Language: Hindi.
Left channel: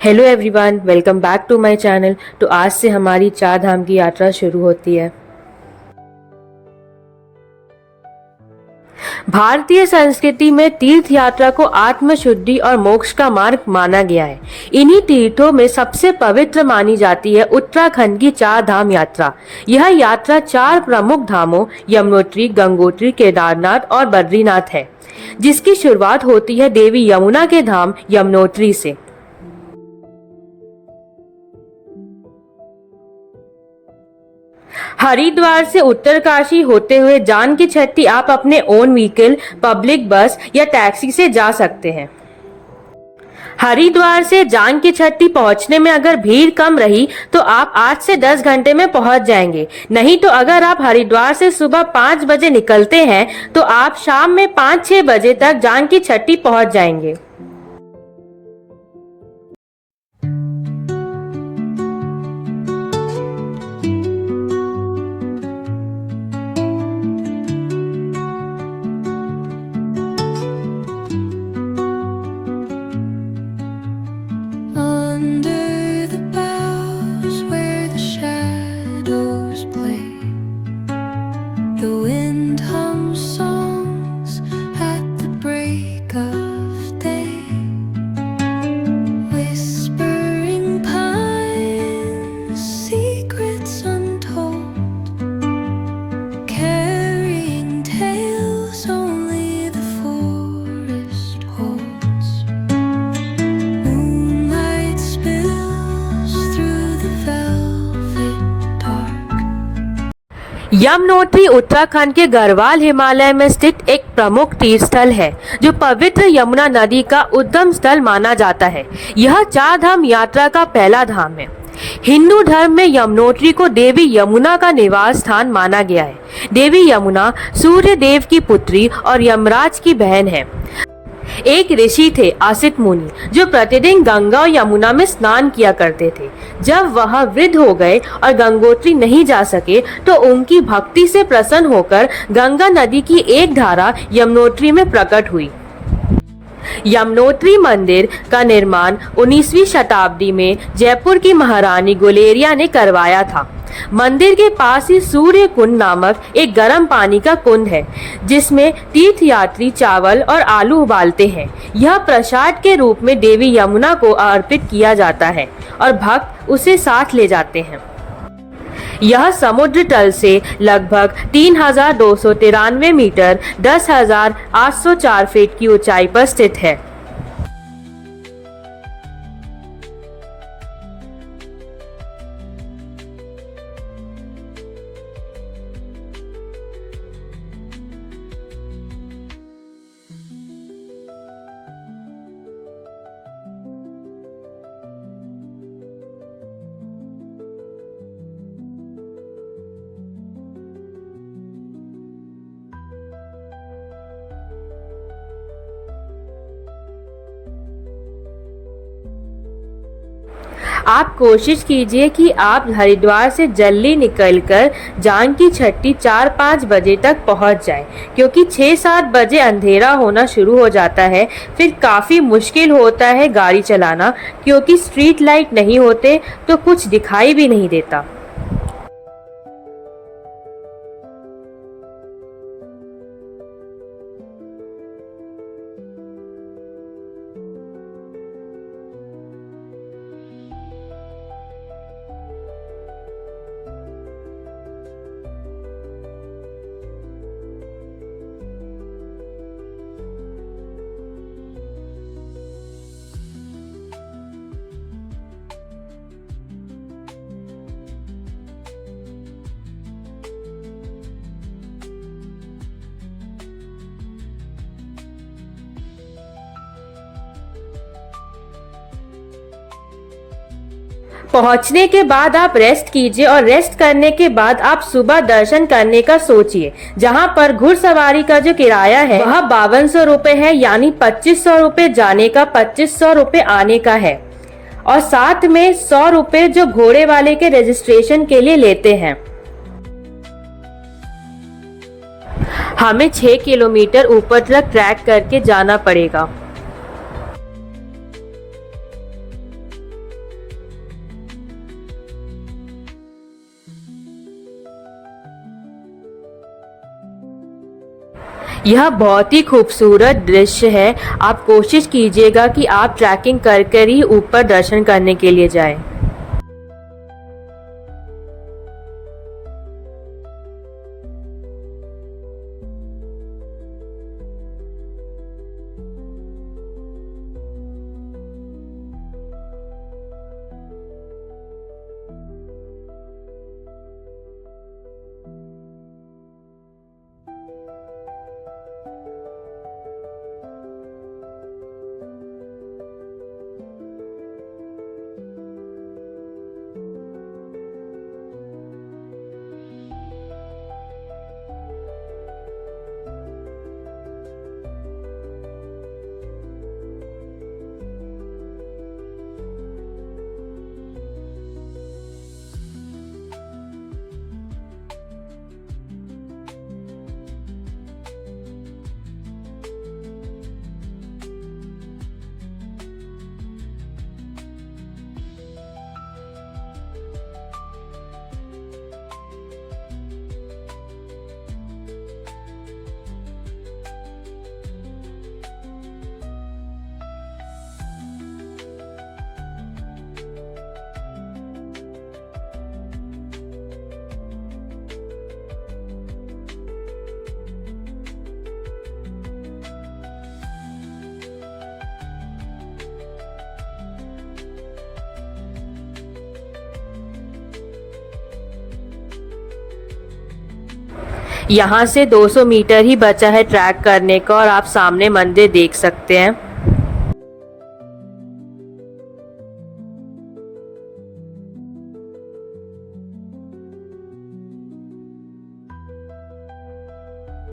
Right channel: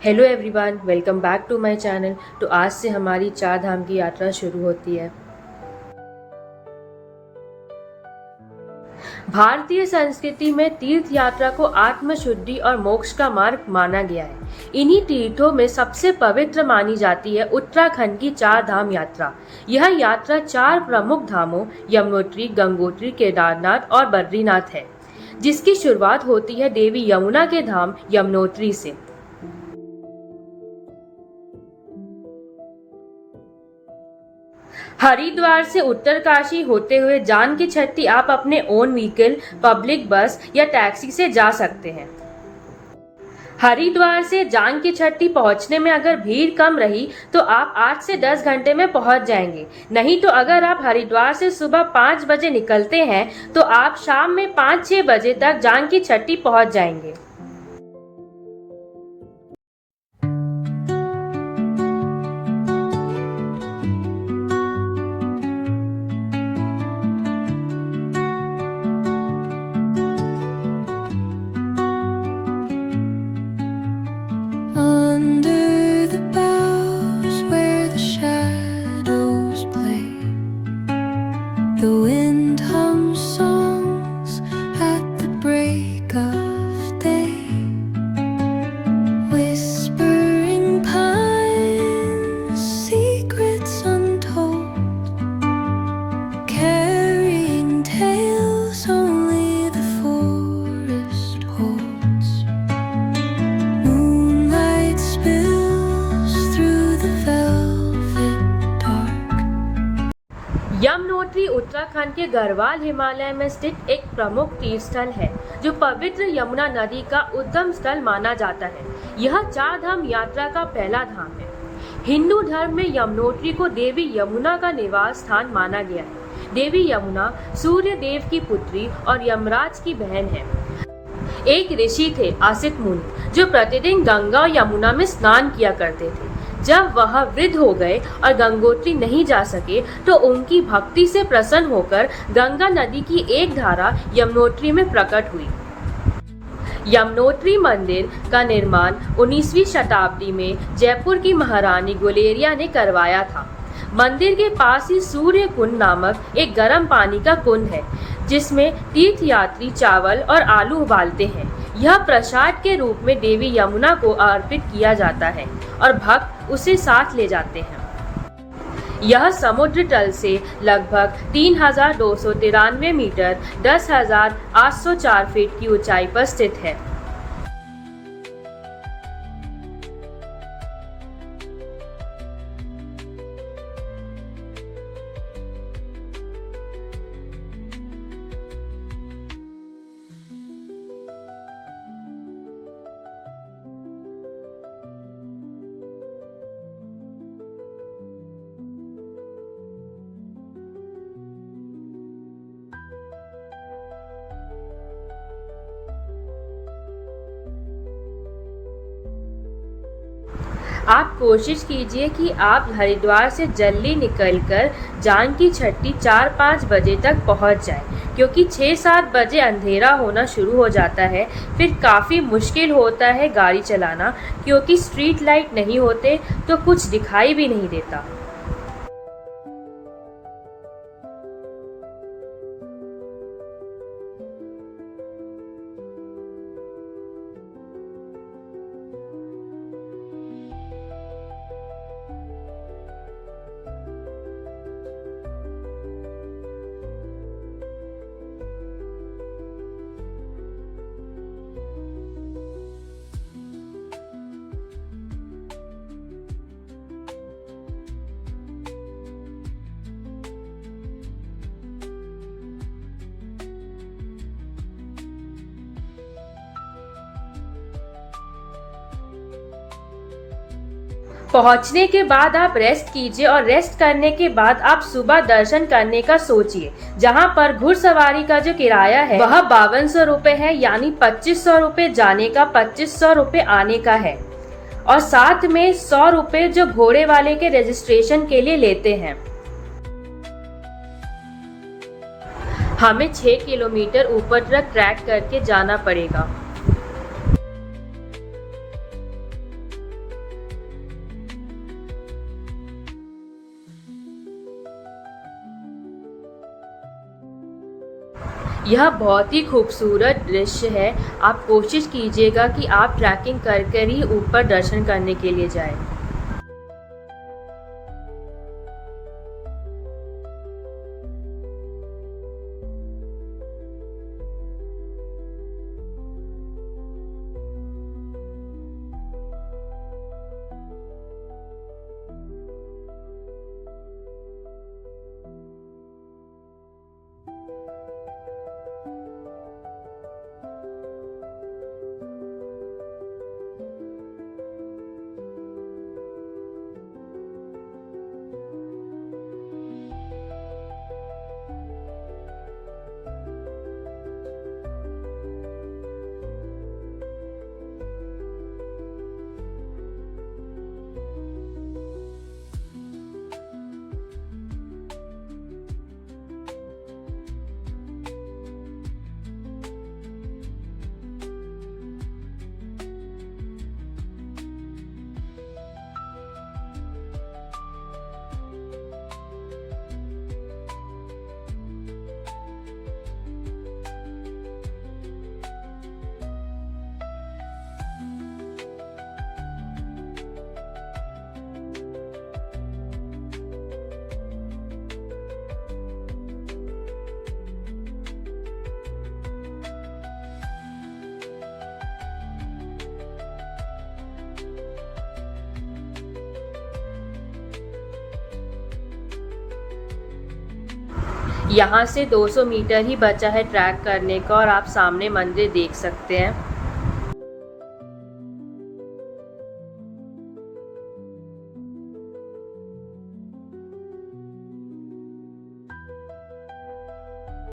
Hello everyone, welcome back to my channel. तो आज से हमारी चार धाम की यात्रा शुरू होती है। भारतीय संस्कृति में तीर्थ यात्रा को आत्म शुद्धि और मोक्ष का मार्ग माना गया है। इन्हीं तीर्थों में सबसे पवित्र मानी जाती है उत्तराखंड की चार धाम यात्रा। यह यात्रा चार प्रमुख धामों यमुनोत्री, गंगोत्री, केदारनाथ और बद्रीनाथ है, जिसकी शुरुआत होती है देवी यमुना के धाम यमुनोत्री से। हरिद्वार से उत्तरकाशी होते हुए जान की छट्टी आप अपने ओन व्हीकल, पब्लिक बस या टैक्सी से जा सकते हैं। हरिद्वार से जान की छट्टी पहुंचने में अगर भीड़ कम रही तो आप 8 से 10 घंटे में पहुंच जाएंगे। नहीं तो अगर आप हरिद्वार से सुबह 5 बजे निकलते हैं तो आप शाम में 5-6 बजे तक जान की छट्टी पहुंच जाएंगे। Under the boughs where the shadows play, the wind hums songs at the break of day, whispering pines, secrets untold, carrying tales only the forest holds. Moonlight spills through the velvet dark. Yamunotri Uttarakhand के गढ़वाल हिमालय में स्थित एक प्रमुख तीर्थ स्थल है, जो पवित्र यमुना नदी का उद्गम स्थल माना जाता है। यह चार धाम यात्रा का पहला धाम है। हिंदू धर्म में यमुनोत्री को देवी यमुना का निवास स्थान माना गया है। देवी यमुना सूर्य देव की पुत्री और यमराज की बहन है। एक ऋषि थे असित मुनि, जो प्रतिदिन गंगा और यमुना में स्नान किया करते थे। जब वह वृद्ध हो गए और गंगोत्री नहीं जा सके तो उनकी भक्ति से प्रसन्न होकर गंगा नदी की एक धारा यमुनोत्री में प्रकट हुई। यमुनोत्री मंदिर का निर्माण 19वीं शताब्दी में जयपुर की महारानी गुलेरिया ने करवाया था। मंदिर के पास ही सूर्य कुंड नामक एक गर्म पानी का कुंड है, जिसमें तीर्थयात्री चावल और आलू उबालते हैं। यह प्रसाद के रूप में देवी यमुना को अर्पित किया जाता है और भक्त उसे साथ ले जाते हैं। यह समुद्र तल से लगभग 3293 मीटर 10,804 फीट की ऊंचाई पर स्थित है। आप कोशिश कीजिए कि आप हरिद्वार से जल्दी निकलकर जान की छट्टी 4-5 बजे तक पहुंच जाएं, क्योंकि 6-7 बजे अंधेरा होना शुरू हो जाता है। फिर काफ़ी मुश्किल होता है गाड़ी चलाना, क्योंकि स्ट्रीट लाइट नहीं होते तो कुछ दिखाई भी नहीं देता। पहुंचने के बाद आप रेस्ट कीजिए और रेस्ट करने के बाद आप सुबह दर्शन करने का सोचिए, जहां पर घुड़सवारी का जो किराया है वह 5200 रुपए है, यानी 2500 रुपए जाने का, 2500 रुपए आने का है। और साथ में 100 रुपए जो घोड़े वाले के रजिस्ट्रेशन के लिए लेते हैं। हमें 6 किलोमीटर ऊपर तक ट्रैक करके जाना पड़ेगा। यह बहुत ही खूबसूरत दृश्य है। आप कोशिश कीजिएगा कि आप ट्रैकिंग कर कर ही ऊपर दर्शन करने के लिए जाएं। यहाँ से 200 मीटर ही बचा है ट्रैक करने का और आप सामने मंदिर देख सकते हैं।